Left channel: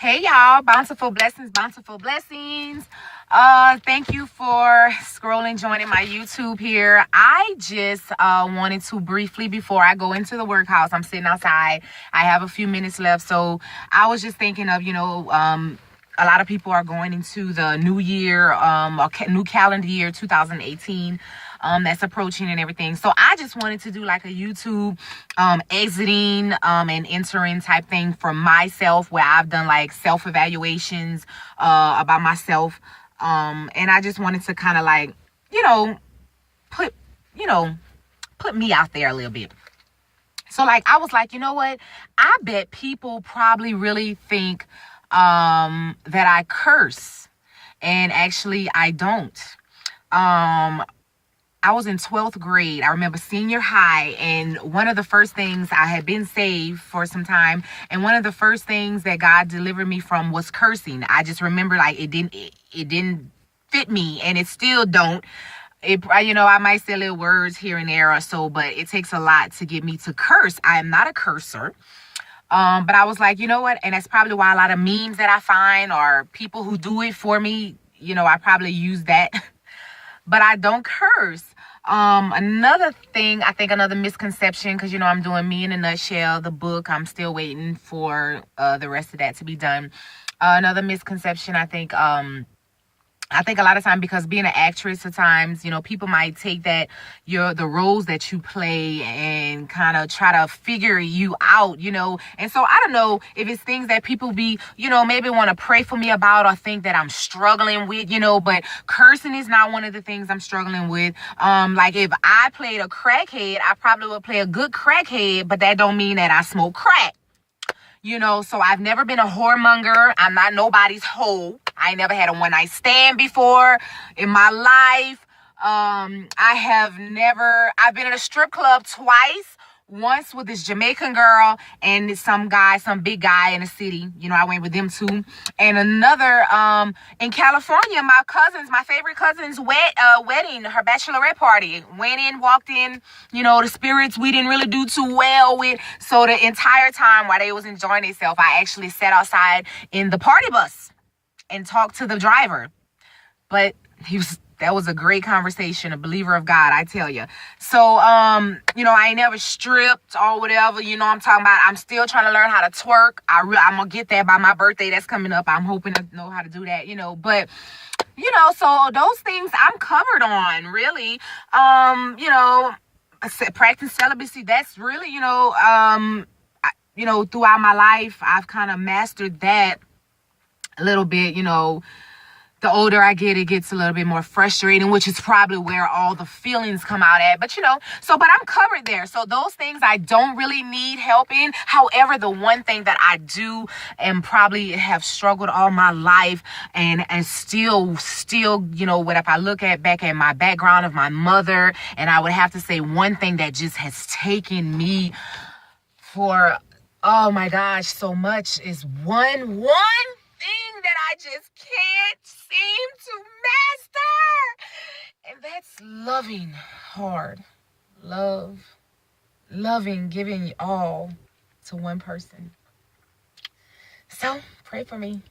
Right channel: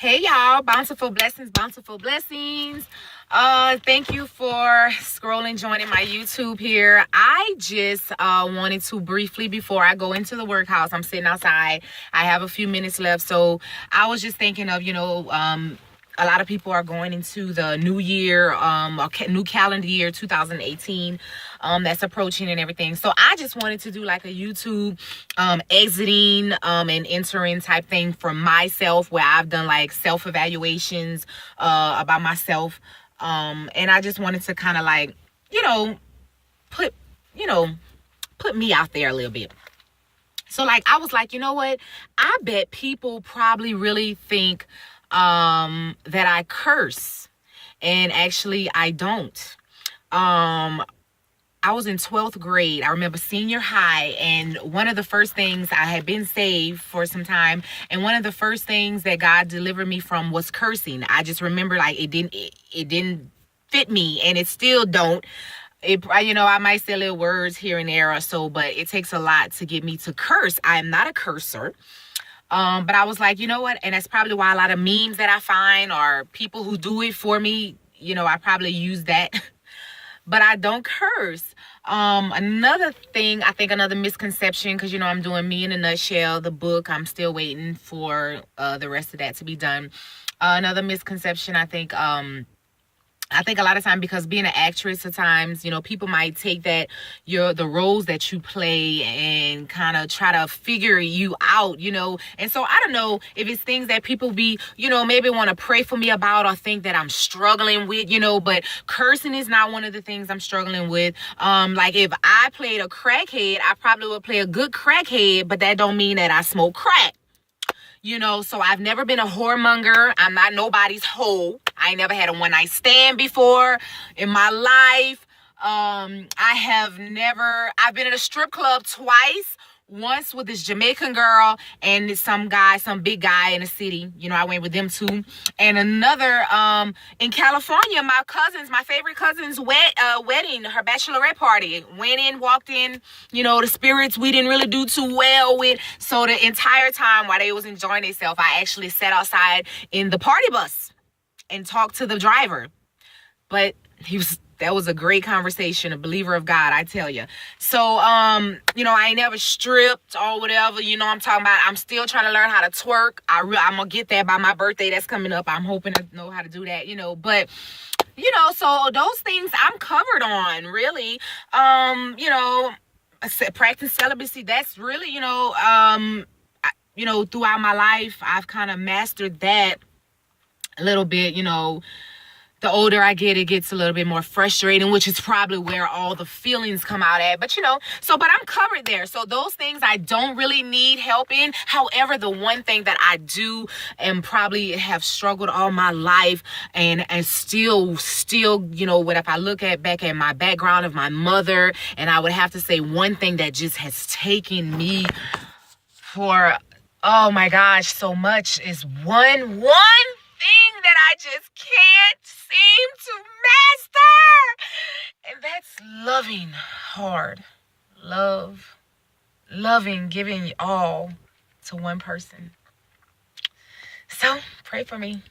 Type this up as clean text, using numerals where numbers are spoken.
Hey y'all, bountiful blessings, bountiful blessings. Thank you for scrolling, joining my YouTube here. I just wanted to briefly, before I go into the workhouse, I'm sitting outside. I have a few minutes left, so I was just thinking of, a lot of people are going into the new year, new calendar year 2018, that's approaching and everything. So I just wanted to do like a YouTube exiting and entering type thing for myself, where I've done like self-evaluations about myself. And I just wanted to kind of like, put, put me out there a little bit. So like, I was like, you know what? I bet people probably really think that I curse, and actually I don't. I was in 12th grade. I remember senior high, and one of the first things, I had been saved for some time, and one of the first things that God delivered me from was cursing. I just remember like it didn't fit me, and it still don't. I might say little words here and there or so, but it takes a lot to get me to curse. I am not a cursor. But I was like, you know what? And that's probably why a lot of memes that I find, or people who do it for me, I probably use that. But I don't curse. Another thing, I think another misconception, because, I'm doing Me in a Nutshell, the book. I'm still waiting for the rest of that to be done. Another misconception, I think a lot of times, because being an actress at times, people might take that the roles that you play and kind of try to figure you out, And so I don't know if it's things that people be, maybe want to pray for me about, or think that I'm struggling with, but cursing is not one of the things I'm struggling with. Like if I played a crackhead, I probably would play a good crackhead, but that don't mean that I smoke crack. So I've never been a whoremonger. I'm not nobody's hoe. I ain't never had a one-night stand before in my life. I've been in a strip club twice. Once with this Jamaican girl and some big guy in the city. I went with them too. And another in California, my favorite cousin's wedding, her bachelorette party. Went in, walked in, the spirits we didn't really do too well with. So the entire time while they was enjoying themselves, I actually sat outside in the party bus and talked to the driver. But that was a great conversation, a believer of God, I tell you. So, I ain't never stripped or whatever, I'm talking about. I'm still trying to learn how to twerk. I'm going to get that by my birthday that's coming up. I'm hoping to know how to do that, but, so those things I'm covered on, really. Practice celibacy, that's really, throughout my life, I've kind of mastered that a little bit, The older I get, it gets a little bit more frustrating, which is probably where all the feelings come out at. But, but I'm covered there. So those things I don't really need help in. However, the one thing that I do and probably have struggled all my life and still, if I look back at my background of my mother, and I would have to say one thing that just has taken me for, oh my gosh, so much is one thing that I just can't seem to master. And that's loving hard. Loving, giving all to one person. So pray for me.